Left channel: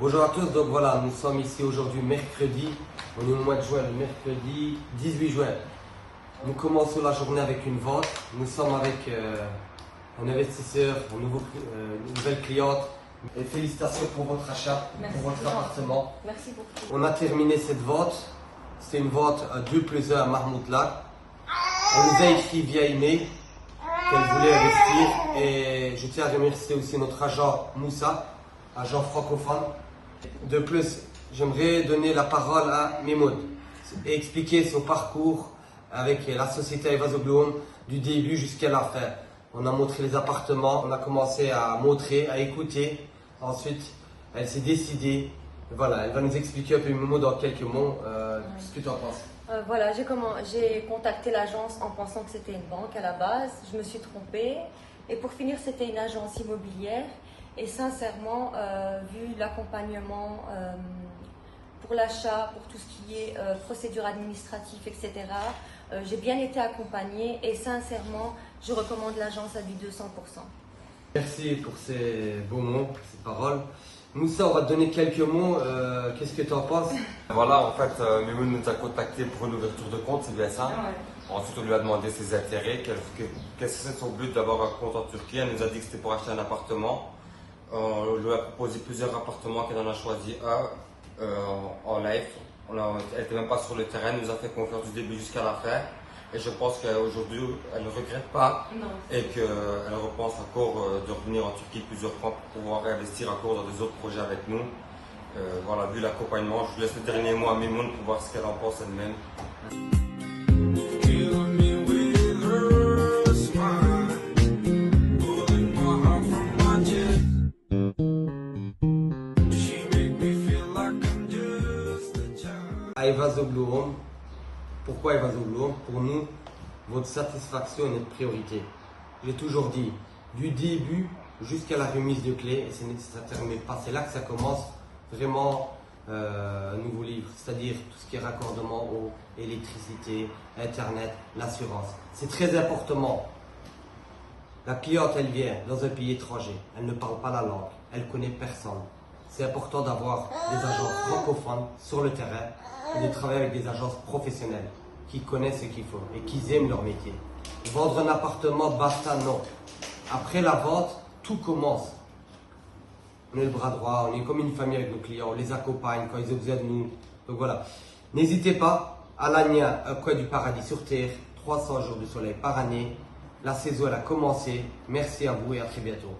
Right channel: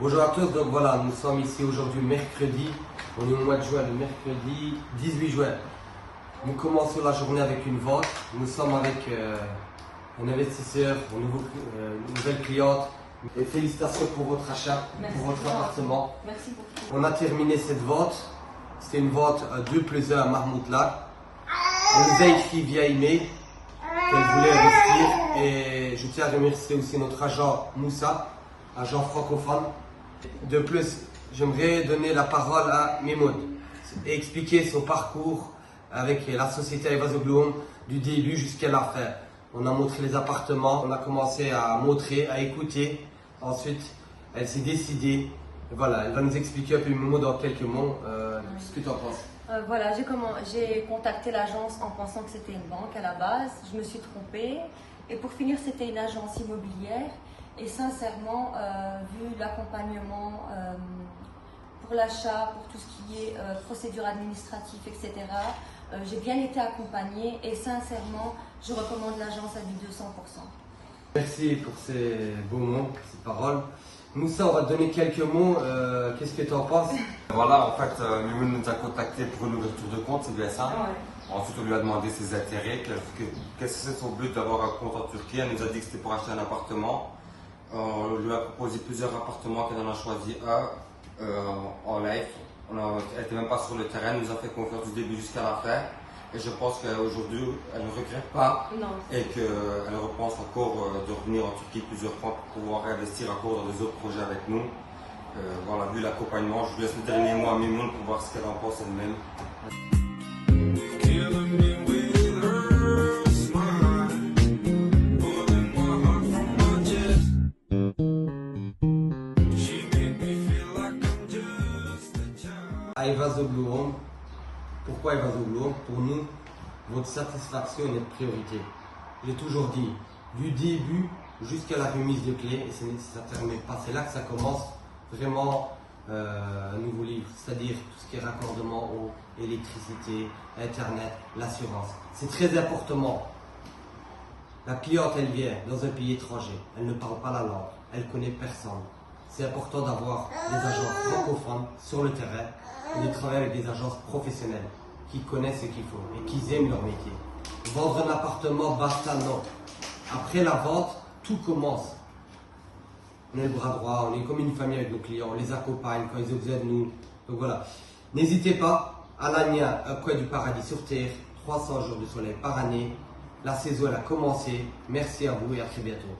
Bonjour à tous, donc voilà, nous sommes ici aujourd'hui mercredi, on est au mois de juin, le mercredi 18 juin. Nous commençons la journée avec une vente, nous sommes avec un investisseur, une nouvelle cliente. Et félicitations pour votre achat, pour votre appartement. Merci beaucoup. On a terminé cette vente, c'est une vente 2+1 à Marmoutla. On nous a écrit via email qu'elle voulait investir et je tiens à remercier aussi notre agent Moussa, agent francophone. De plus, j'aimerais donner la parole à Mimoun et expliquer son parcours avec la société Evazogloum du début jusqu'à la fin. On a montré les appartements, on a commencé à montrer, à écouter. Ensuite, elle s'est décidée. Voilà, elle va nous expliquer un peu Mimoun dans quelques mots ce que tu en penses. Voilà, j'ai contacté l'agence en pensant que c'était une banque à la base. Je me suis trompée. Et pour finir, c'était une agence immobilière. Et sincèrement, vu l'accompagnement pour l'achat, pour tout ce qui est procédure administrative, etc., j'ai bien été accompagnée et sincèrement, je recommande l'agence à du 200%. Merci pour ces beaux mots, ces paroles. Moussa, on va te donner quelques mots. Qu'est-ce que tu en penses? Voilà, en fait, Mimoun nous a contacté pour une ouverture de compte, c'est bien ça. Ensuite, on lui a demandé ses intérêts, qu'est-ce que c'est son but d'avoir un compte en Turquie. Elle nous a dit que c'était pour acheter un appartement. On lui a proposé plusieurs appartements, qu'elle en a choisi un en live. Elle n'était même pas sur le terrain, elle nous a fait confiance du début jusqu'à la fin. Et je pense qu'aujourd'hui, elle ne regrette pas et qu'elle repense encore de revenir en Turquie plusieurs fois pour pouvoir investir encore dans des autres projets avec nous. Voilà, vu l'accompagnement, je laisse le dernier mot à Mimoun pour voir ce qu'elle en pense elle-même. À Evazogloum. Pourquoi Evazogloum? Pour nous, votre satisfaction est notre priorité. Je l'ai toujours dit, du début jusqu'à la remise de clés, et ça ne termine pas. C'est là que ça commence vraiment un nouveau livre, c'est-à-dire tout ce qui est raccordement eau, électricité, internet, l'assurance. C'est très important. La cliente, elle vient dans un pays étranger, elle ne parle pas la langue, elle connaît personne. C'est important d'avoir des agences francophones sur le terrain et de travailler avec des agences professionnelles qui connaissent ce qu'il faut et qui aiment leur métier. Vendre un appartement, basta, non. Après la vente, tout commence. On est le bras droit, on est comme une famille avec nos clients, on les accompagne quand ils ont besoin de nous. Donc voilà. N'hésitez pas, Alania, un coin du paradis sur terre, 300 jours de soleil par année. La saison elle a commencé. Merci à vous et à très bientôt.